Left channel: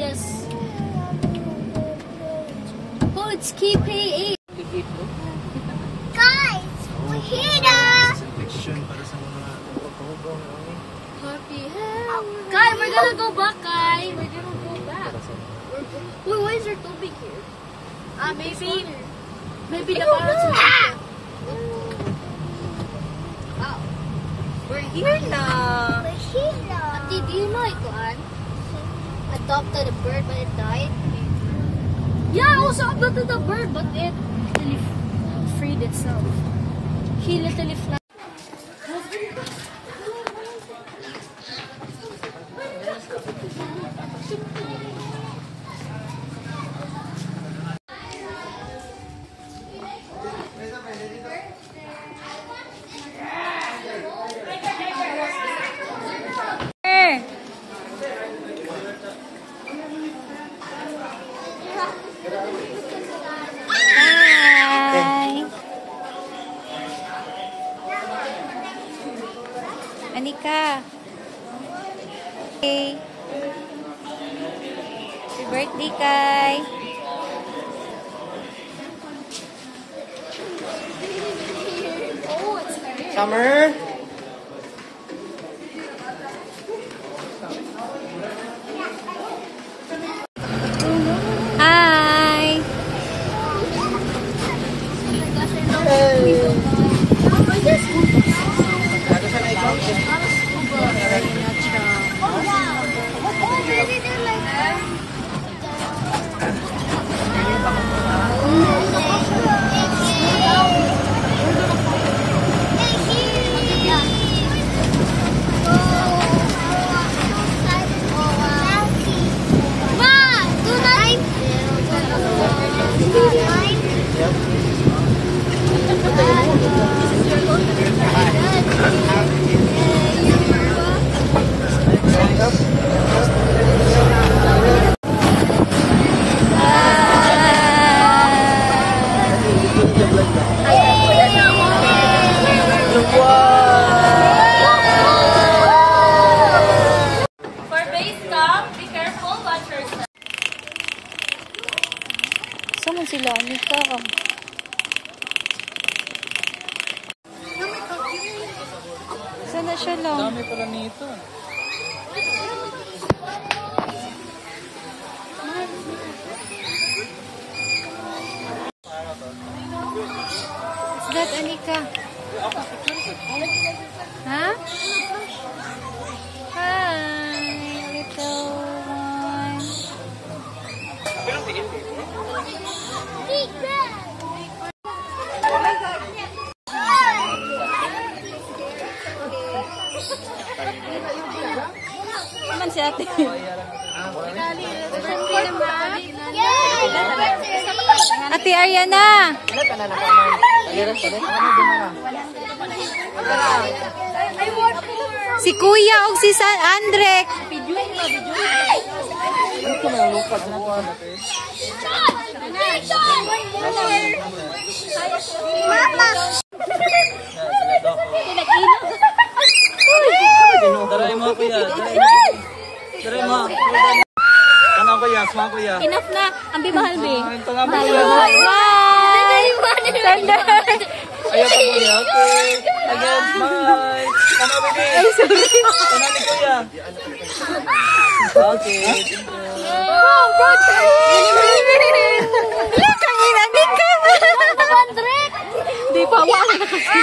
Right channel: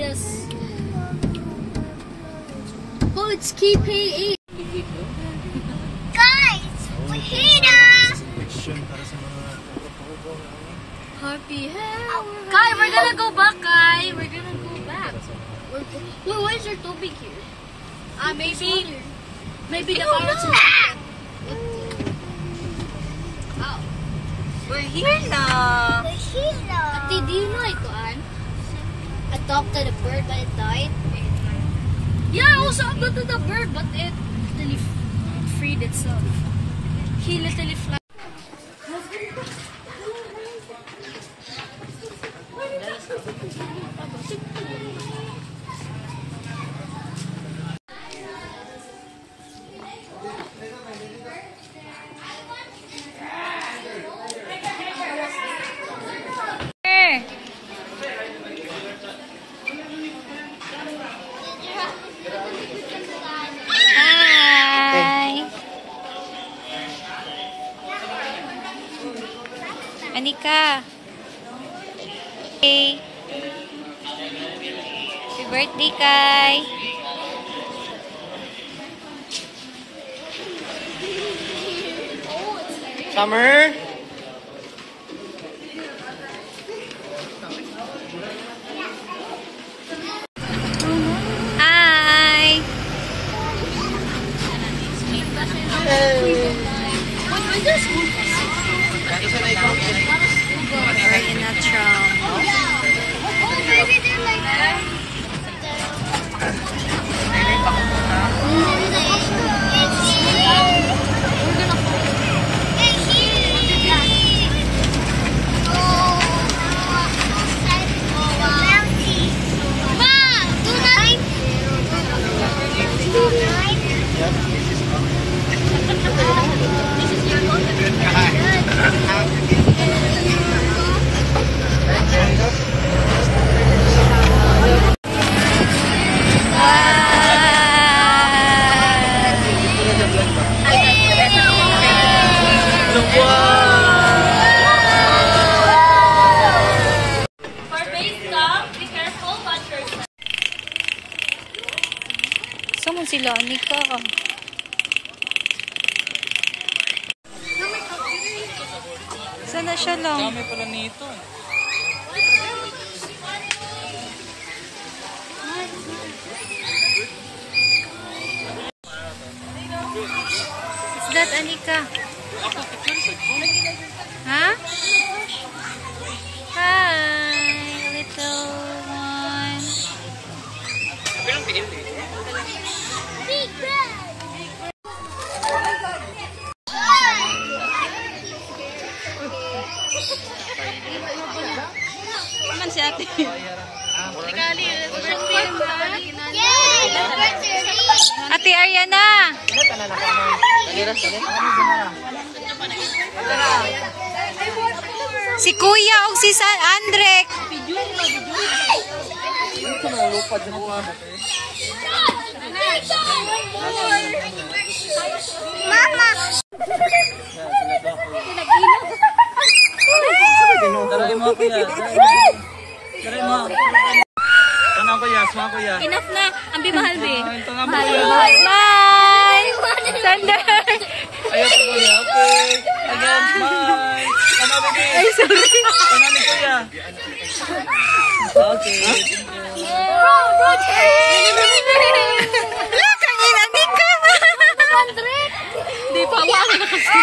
Yes. Oh, it's KPA. Guys, we're here. Happy hell. Kai, we're gonna go back, Kai. We're gonna go back. Wait, why is your tubig here? Maybe the parrots are... We're here now. We're here now. Ate, do you know ito, Ann? Adopted a bird but it died? Yeah, I also adopted a bird but it literally freed itself. He literally flew. Anika. Hey. Happy birthday, Kai. Summer. Hi. We're in a tram. Saan sila, Anika? Sana siya lang. Dami pala nito. Is that Anika? Huh? Hi, little one. Naman si ate. Ate Ariana. Si Kuya o si San Andrek. Mama! Taray mo, kuya. Taray mo. Kanang kuya, sama kuya. Enough na. Ang bimahal, be. Ito nga Mahal, kuya. mahal. Bye! Sandal! Ayaw po kuya. Okay. Again, smile. Tama, baby. Ay, sorry. Tama ni kuya. Okay. Kanginan din ka. Di pa wala kasi.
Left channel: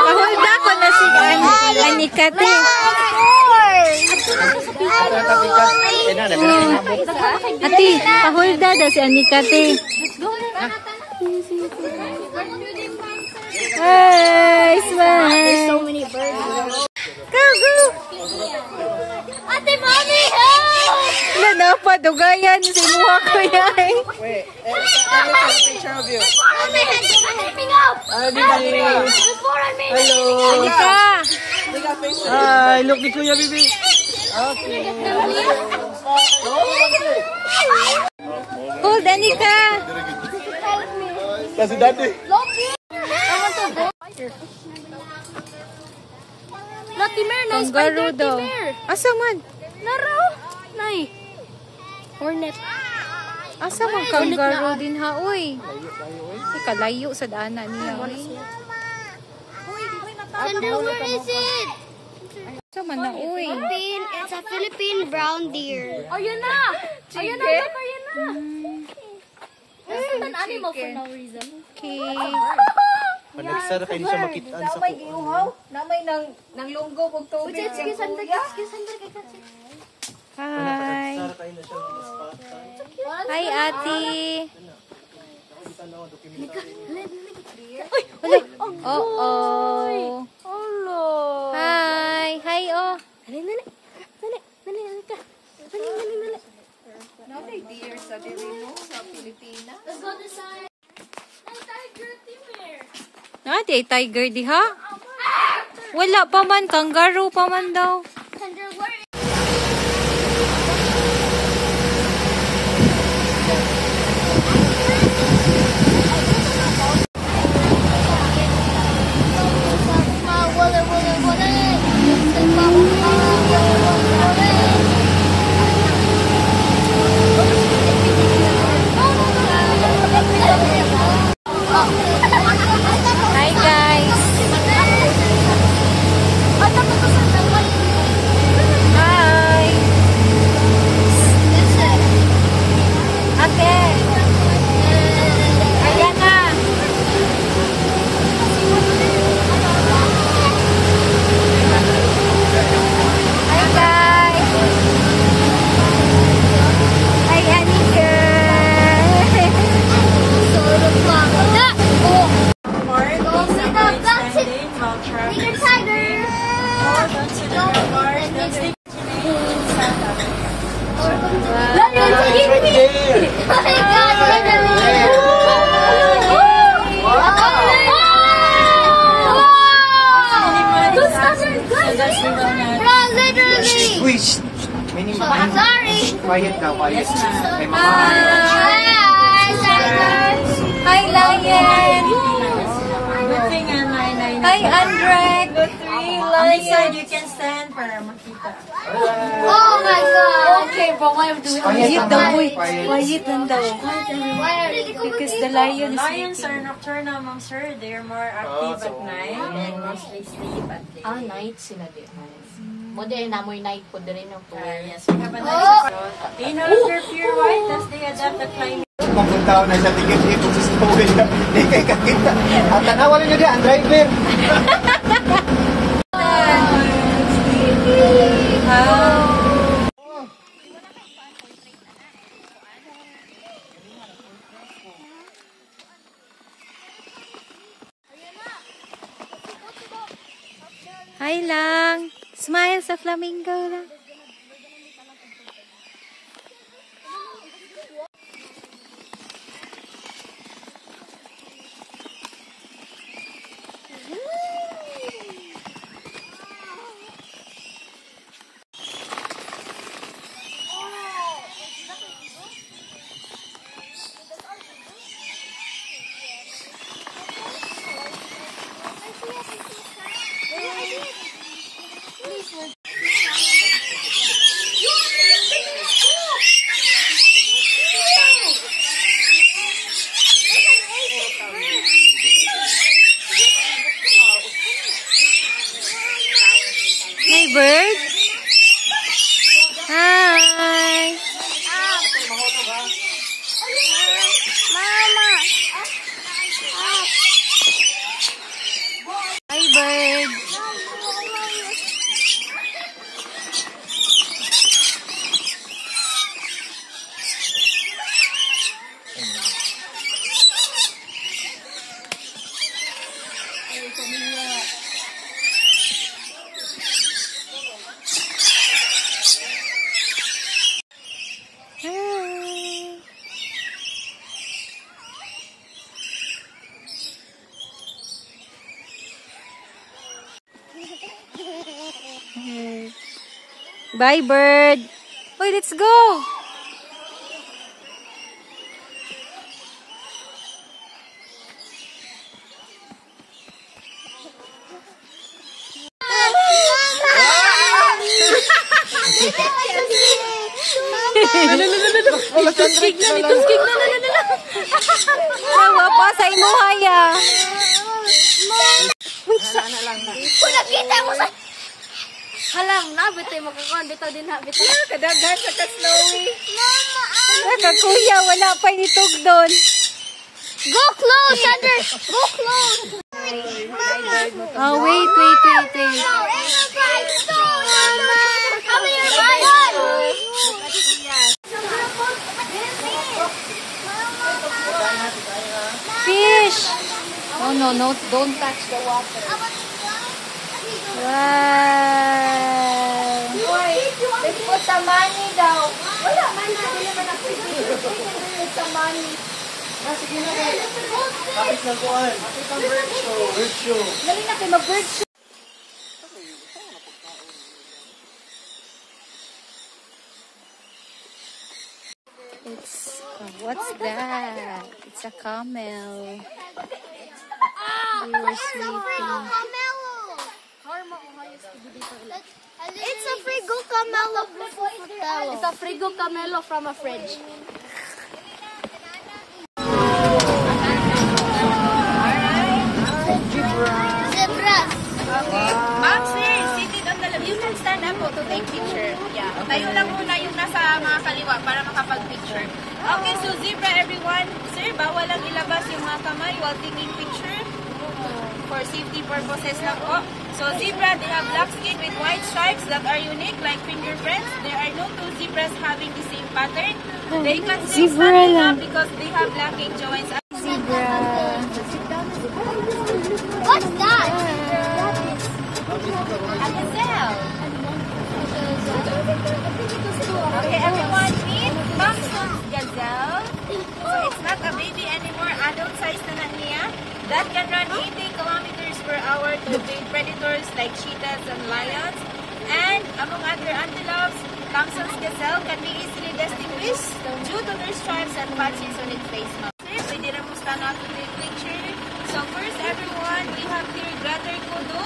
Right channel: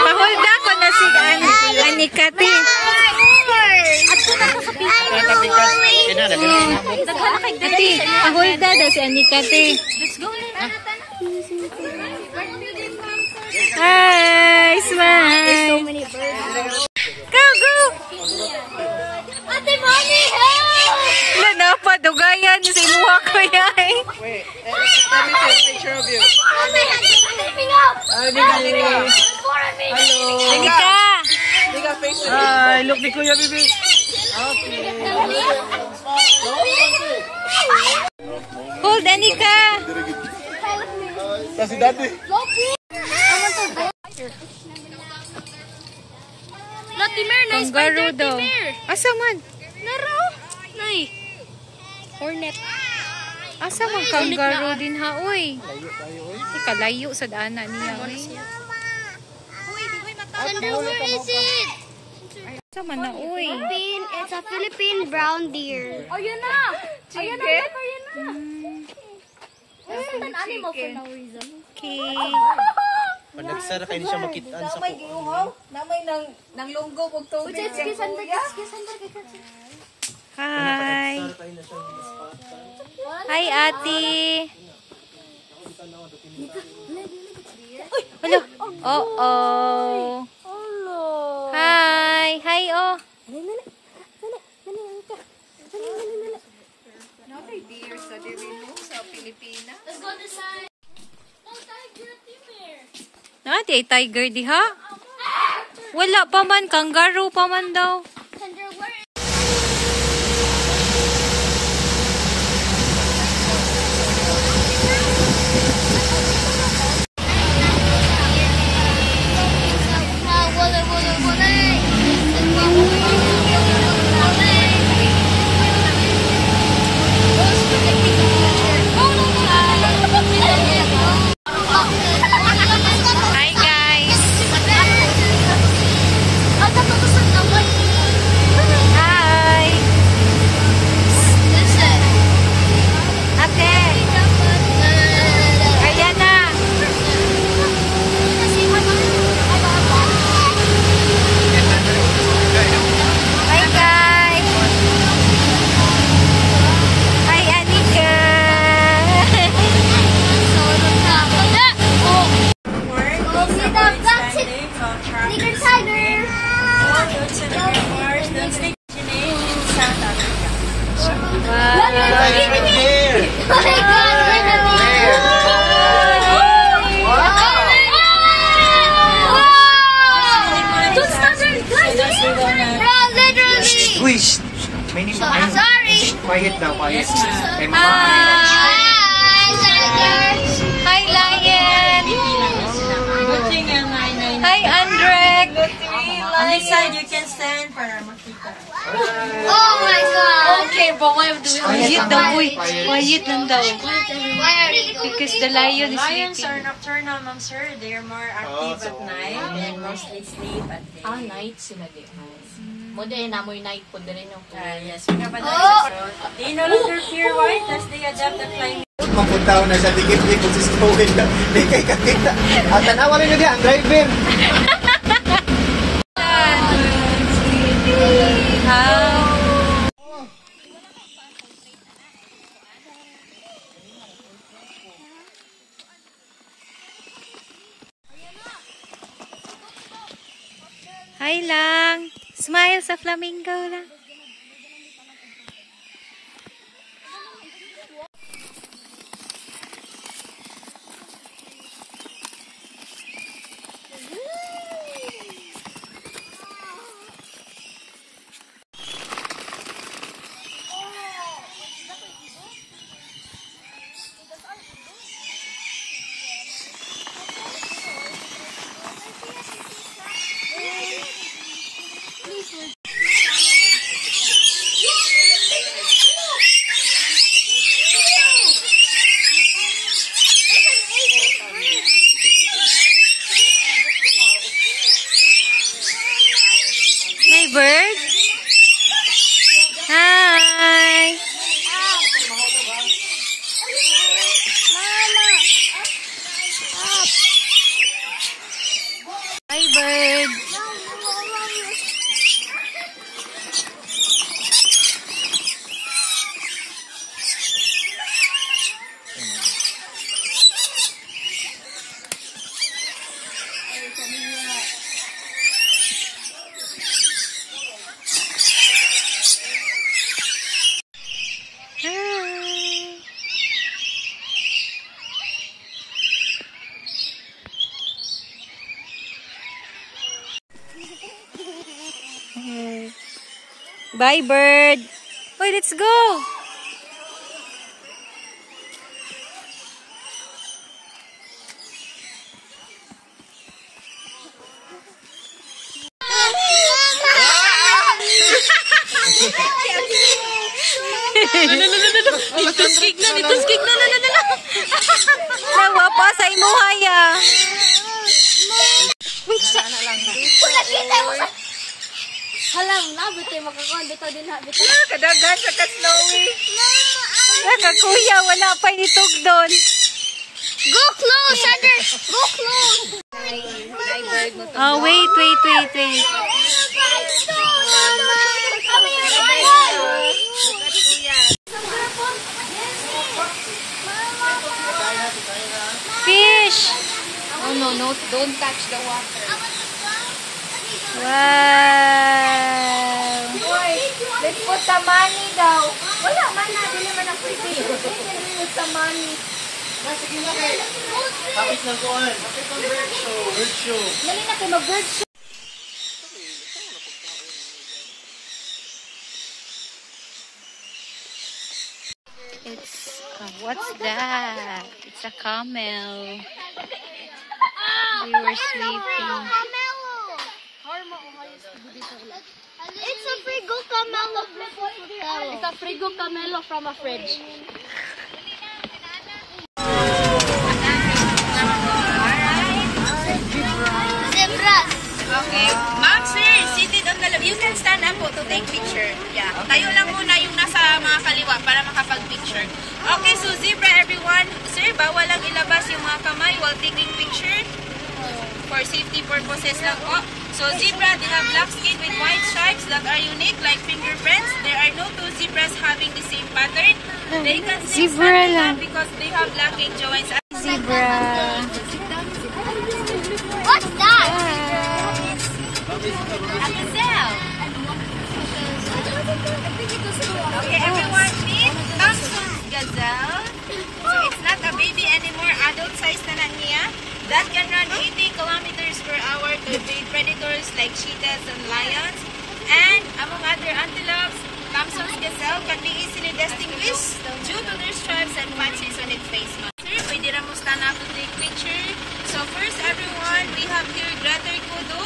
Pahulda ko na si Anika, te. Ate, pahulda na si Anika, te. Hi, smile. Go, go. Ate, mommy, help! Nanapadugayan si Muha ko yan. Wait, let me take a picture of you. Mommy, helping out! Hello. Anika. Hi, look ni kuya, baby. Okay. Hold, Anika. Kasi dati. Latimer na. kangaroo daw. Asa man? Laro. Nay. Hornet. Asa man kangaroo din ha, uy. Kalayo sa daanan niya, uy. Sandra, where is it? Asa man na, uy. It's a Philippine brown deer. Ayun na. Ayun na. Ayun na. It's an animal for no reason. Okay. Pag nagsara kayo siya makitaan sa Namay giuhaw, namay nang lunggo ug tubig. Sige, Sandra. Hi. Hi, ate. Hello. Oh. Hello. Hi. Hi, oh. Dali. Namay deer sa diri no sa Pilipinas. Let's go this side. Oh, tiger, here. Ate, tiger di ha? Wala pa man, kangaroo pa man daw. Sandra, where? Hi, guys. Hi. Ate. Ayan na. Hi, guys. Hi, Anika. Wish. Sorry. Quiet daw, quiet. Hi, Lion. Hi, Andrek. On this side you can stand para makita. Oh my god. Okay, but why do we Quiet daw, uy. Quiet lang daw. Why are you Because the lion is Lions sleeping. are nocturnal, ma'am sir. They're more active at night and mostly sleep at day. Night sila di. Mo din namoy night po din yung Yes, we have a nice They no longer pure white as they adapt the climate. Mapuntaw na siya, tigit-tigit kung sisitawin na. May kay kakita. At tanawa rin niya, ang driver. Hi lang. Smile sa flamingo lang. Hey, bird. Hi. Hi, bird. Hi. Bye, bird. Wait, let's go. Ituskig na. Nawa pa sa imuhaya. Nakita mo sa... Halam na, bitoy makakuha. Bitoy din ha, bitoy. Kadaghan sa ka-snowy. Kakuya, wala pa nitog doon. Go close, Sander! Go close! Oh, wait. Come here, Marlon! Fish! Oh, no, don't touch the water. Wow! Let's put the money daw. Wala man na, dili man ako. Put the money. Sige na kayo. Tapos na kuhan. Tapos ang bird show. Dali na kayo mag-bird show. It's, what's that? It's a camel. We were sleeping. It's a Frigo Camelo. It's a Frigo Camelo from a fridge. Zebras. Okay. Ma'am, sir, seated on the left. You can stand up po to take picture. Yeah. Tayo lang muna yung nasa mga kaliwa para makapag-picture. Okay, so zebra everyone. Sir, bawal lang ilabas yung mga kamay while taking picture. For safety purposes lang po. So zebra, they have black skin with white stripes that are unique like fingerprints. There are no two zebras having the same pattern. They can sing standing up because they have lacking joints. Zebra. What's that? A gazelle. Okay, everyone, meet Thompson's gazelle. So it's not a baby anymore, adult size na lang niya. That can run 80 kilometers per hour to evade predators like cheetahs and lions. And among other antelopes, Thompson's gazelle can be easily distinguished due to their stripes and patches on its face. Sir, pwede na mo stand up to take picture. So first, everyone, we have here Greater Kudu.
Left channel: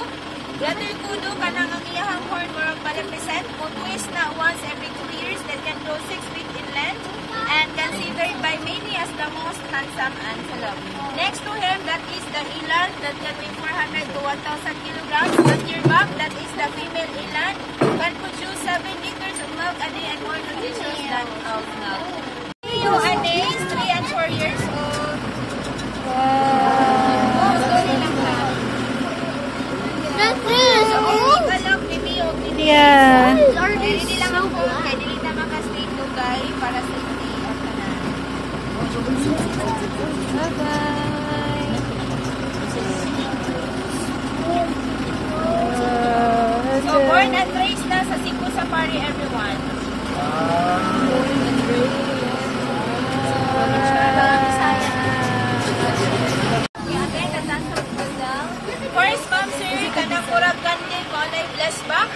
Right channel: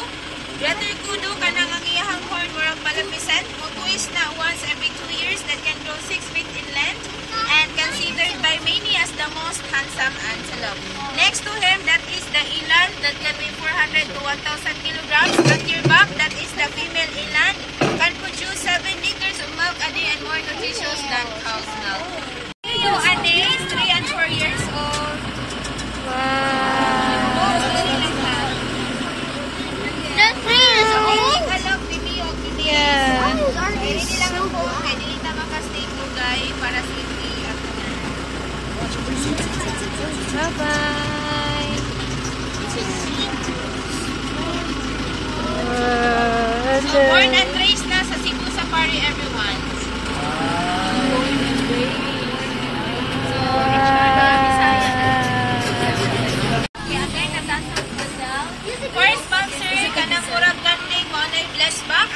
Greater Kudu kanang ang iyahang horn murag malapisan o twist na once every 2 years that can grow 6 feet in length and considered by many as the most handsome antelope. Next to him, that is the eland that can weigh 400 to 1,000 kilograms. At your back, that is the female eland, can produce 7 liters of milk a day and more nutritious than cow's milk. A day is 3 and 4 years old. Wow. The trees. Alok, bibi o bibi. Yeah. Kaya hindi lang ang phone, kaya hindi na makastay ko guys para safety. Bye-bye. So, born and raised na sa Cebu Safari, everyone. First sponsor, kanang murag ganding mo na bless back.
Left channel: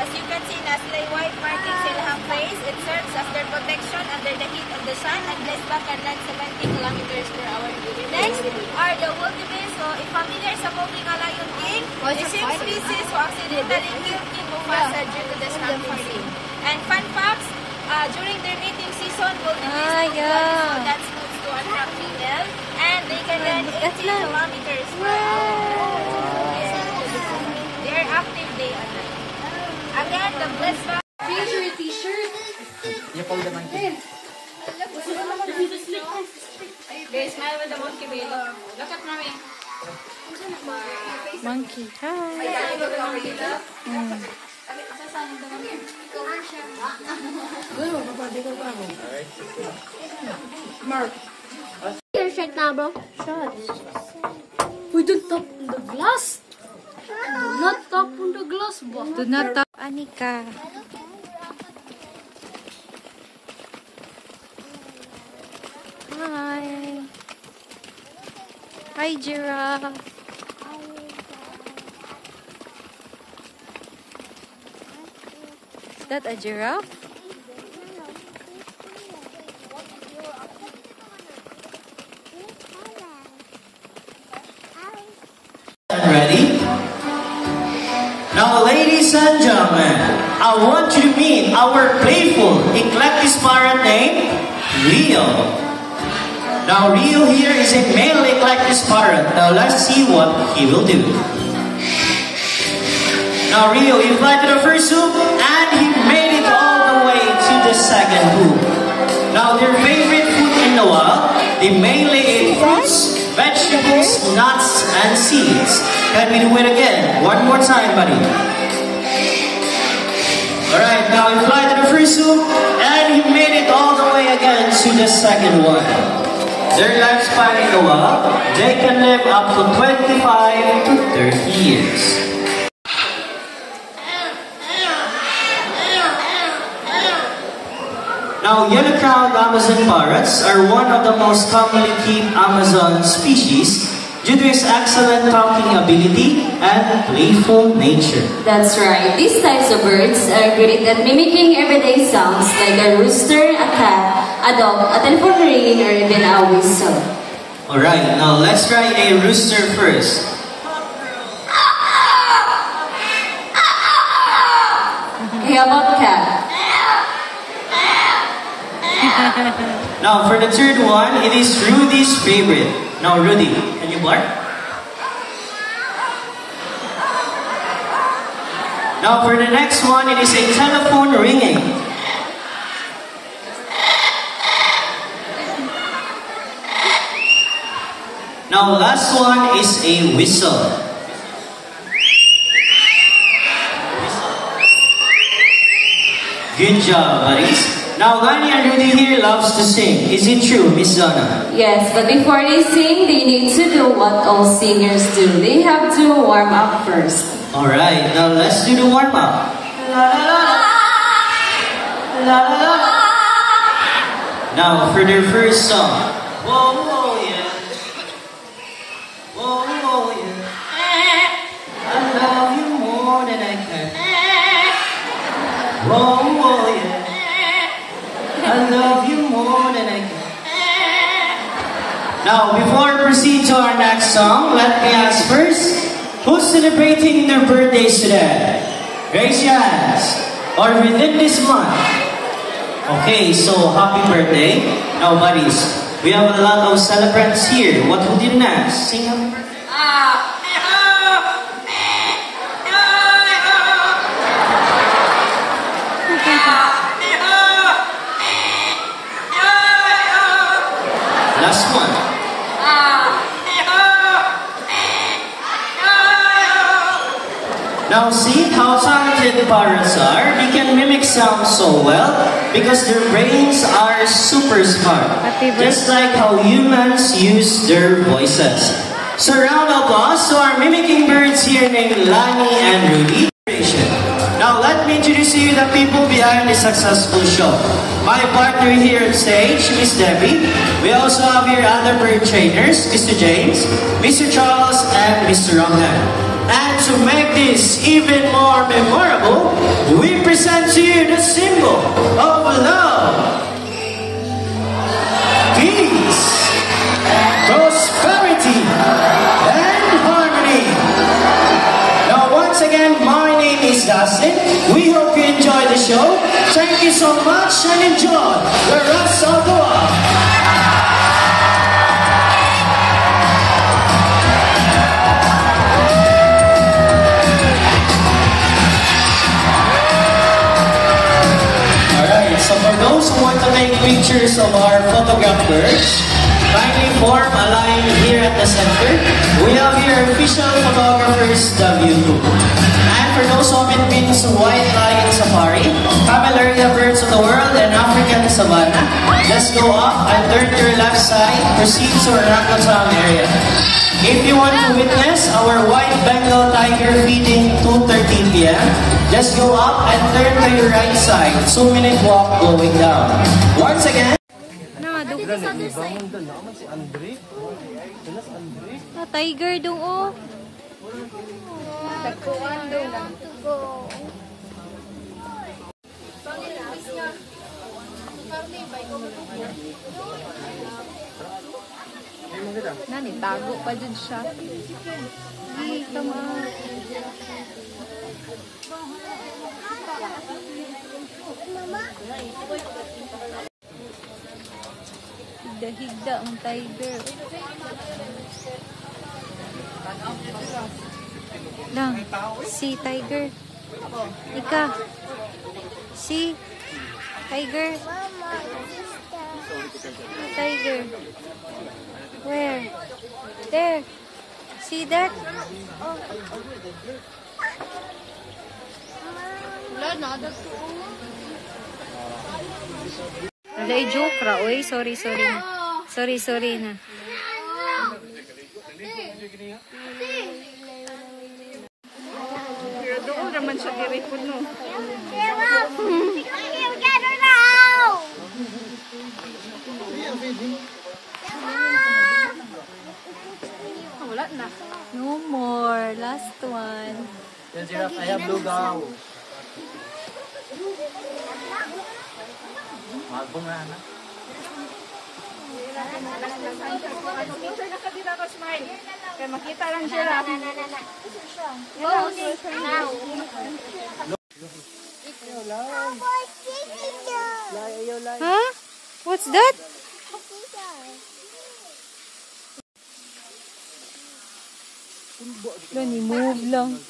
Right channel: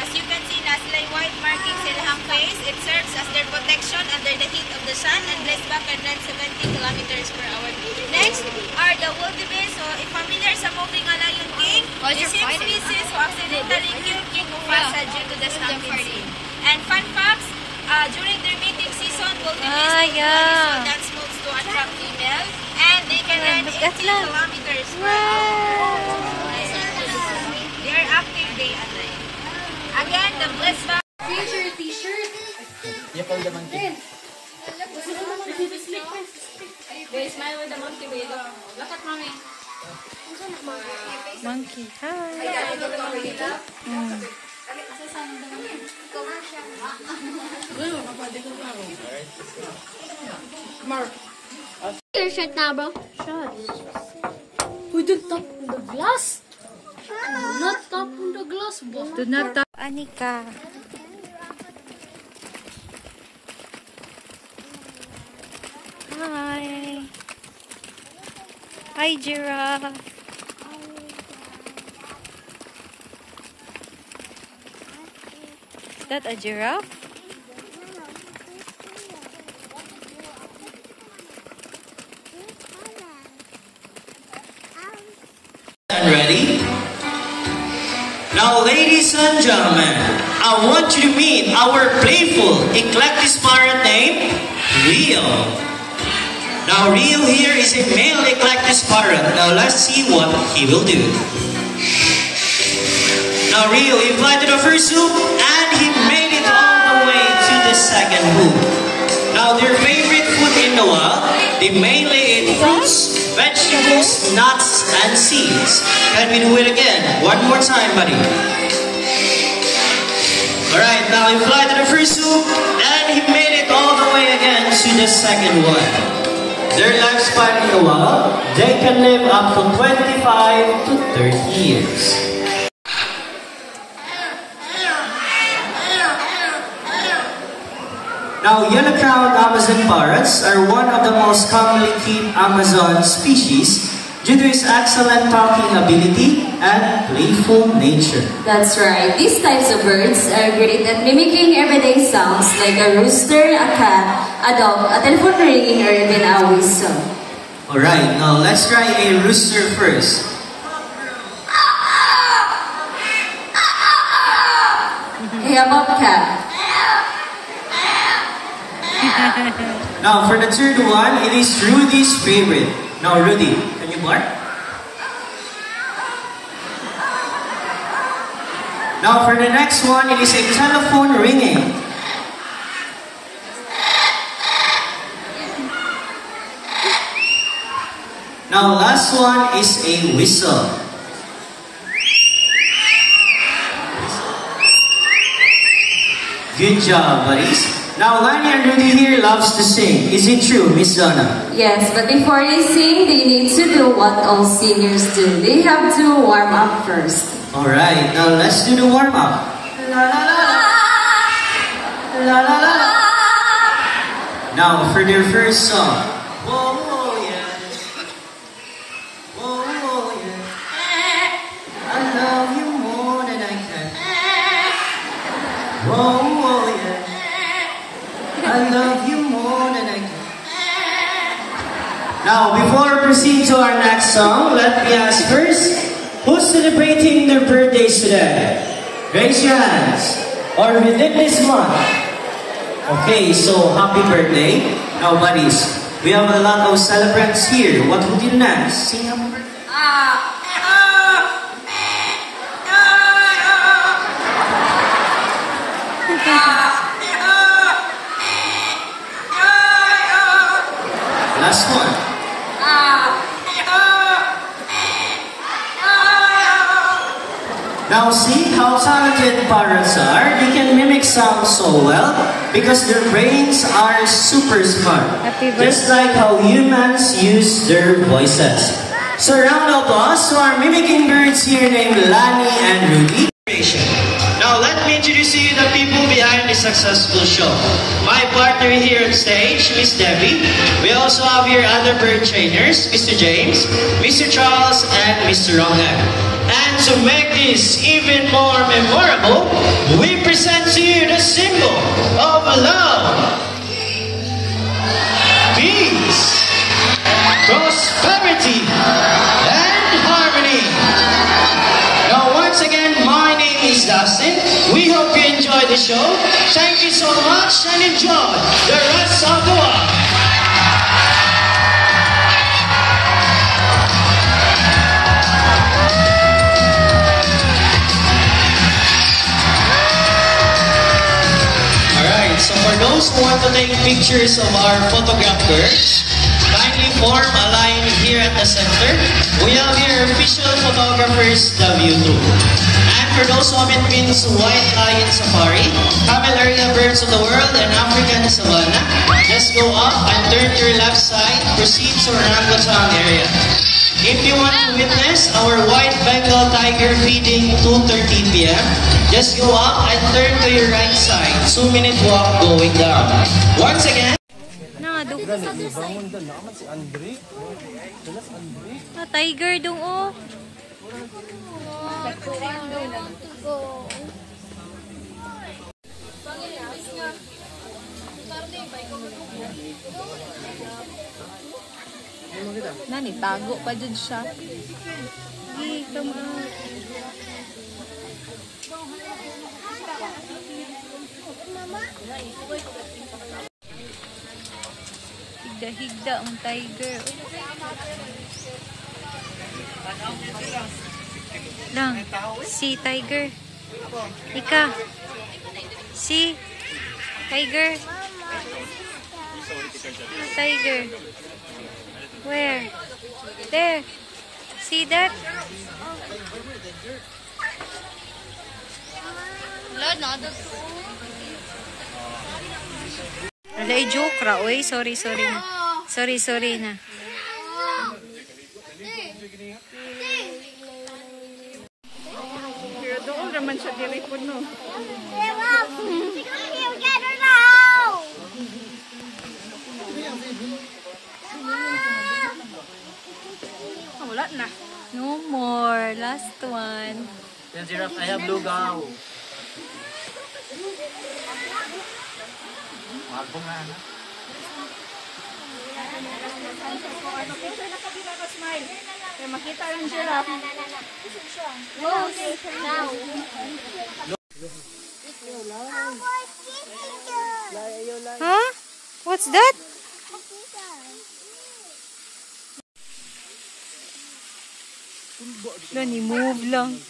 As you can see, nasa white markings in her face. It serves as their protection under the heat of the sun, and bless back can run 70 kilometers per hour. Next are the wildebeest. So, if familiar sa movie nga Lion King, the same species who accidentally killed King Mufasa due to the stampede scene. And fun facts, during their mating season, wildebeest will dance moves to attract females, and they can run 80 kilometers per hour. They are active day and night. Again, the bless back. T-shirt. Yapol naman din. Guys, smile with the monkey baby. Look at mommy. Monkey. Hi. Your shirt na, bro. We don't tap on the glass. Do not tap on the glass, bro. Do not tap, Anika. Hi. Hi, giraffe. Is that a giraffe? Ready? Now, ladies and gentlemen, I want you to meet our playful Eclectus parrot named Rio. Now Rio here is a male Eclectus parrot. Now let's see what he will do. Now Rio, he flew to the first hoop and he made it all the way to the second hoop. Now their favorite food in the wild, they mainly ate fruits, vegetables, nuts, and seeds. Can we do it again? One more time, buddy. Alright, now he flew to the first hoop and he made it all the way again to the second one. Their lifespan in the wild, they can live up to 25 to 30 years. Now, yellow-crowned Amazon parrots are one of the most commonly kept Amazon species due to its excellent talking ability and playful nature. That's right. These types of birds are great at mimicking everyday sounds like a rooster, a cat, a dog, a telephone ringing, or even a whistle. Alright, now let's try a rooster first. Hey, how about cat? Now for the third one, it is Rudy's favorite. Now Rudy, can you bark? Now for the next one, it is a telephone ringing. Now last one is a whistle. Good job, buddies. Now Lani and Rudy here loves to sing. Is it true, Miss Zona? Yes, but before they sing, they need to do what all singers do. They have to warm up first. Alright, now let's do the warm up. La la la la. La la la la. Now for their first song. Whoa, whoa, yeah. Whoa, whoa, yeah. I love you more than I can. Whoa, whoa, yeah. I love you more than I can. Now, before we proceed to our next song, let me ask first, who's celebrating their birthdays today? Raise your hands. Or within this month. Okay, so happy birthday. Now, buddies, we have a lot of celebrants here. What would you next? Sing happy birthday. Last one. Now see how talented parrots are. They can mimic sound so well because their brains are super smart. Just like how humans use their voices. So round of applause to our mimicking birds here named Lani and Rudy. Now let me introduce you the people behind the successful show. My partner here on stage, Miss Debbie. We also have here other bird trainers, Mr. James, Mr. Charles, and Mr. Rohan. And to make this even more memorable, we present to you the symbol of love, peace, prosperity, and harmony. Now once again, my name is Dustin. We hope you enjoy the show. Thank you so much and enjoy the rest of the walk. Alright, so for those who want to take pictures of our photograph birds, kindly form a line here at the center. We have here official photographers W2. And for those who have been to White Lion Safari, camel area birds of the world, and African savanna, just go up and turn to your left side, proceed to orangutan area. If you want to witness our white Bengal tiger feeding 2:13 p.m., just go up and turn to your right side. 2-minute walk going down. Once again. Tiger dong oh. Nani, bago pa dun siya. Hey, come on. Higda-higda ang tiger. Lang, si tiger. Ika. Si tiger. Tiger. Where? There. See that? Alay, joke ra. Uy, sorry na. Sorry na. Doon naman sa dawit ko no. Wala na. No more. Last one. Then giraffe, I have blue gown. Okay, nakadila ko smile. Kaya makita lang giraffe. Huh? What's that? Lani, move lang.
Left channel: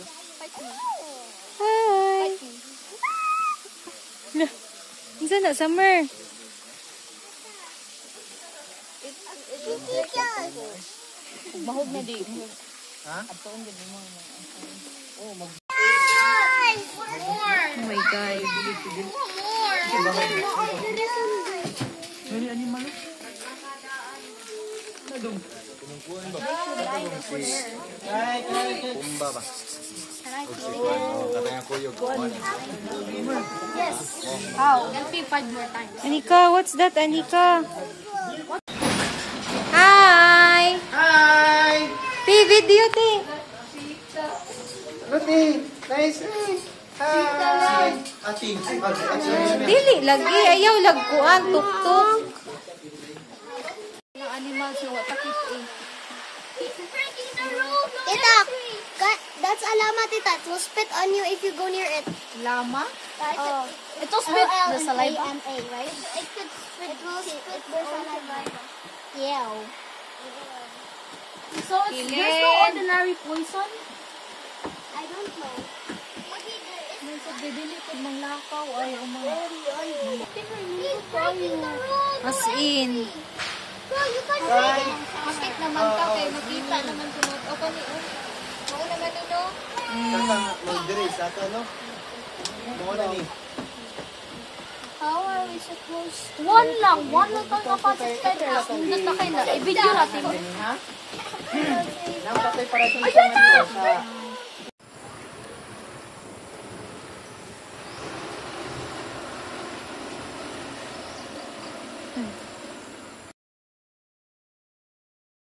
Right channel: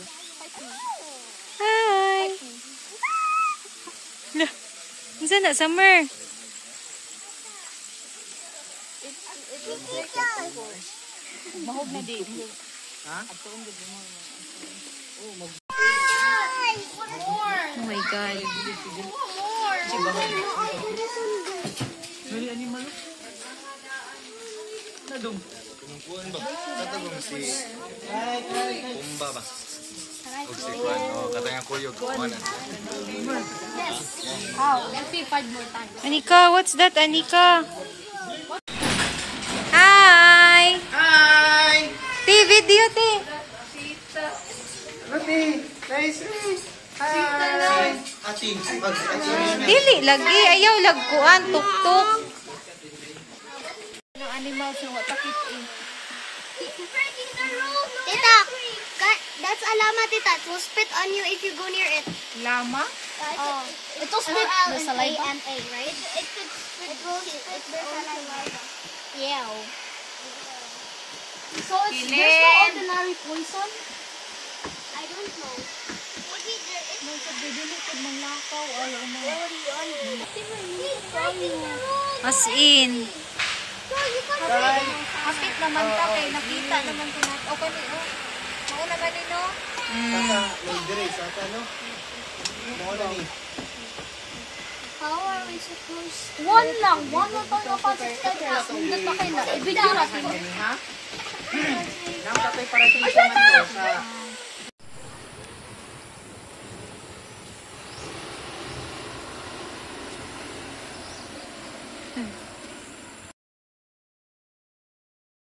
Hi! Lah, isa na, Summer. Oh my God. Pumba ba? Katanya kuyog. Anika, what's that, Anika? Hi! Hi! Video, te. Ruby, nice. Hi! Ating. Dili, lagi. Ayaw, lagkuan, tuk-tuk. Tita, that's a llama, tita. It will spit on you if you go near it. Lama? It will spit the saliva. Right? It could spit their saliva. Yeah. So there's no ordinary poison? I don't know. Maybe there is. As in. Bakit naman ka kay nakita naman ko na. O kani o. Oo naman ito. How are we supposed to? One lang tayo mapasubscribe. Hindi pa kayo na. I-video natin. Nang tatay para sa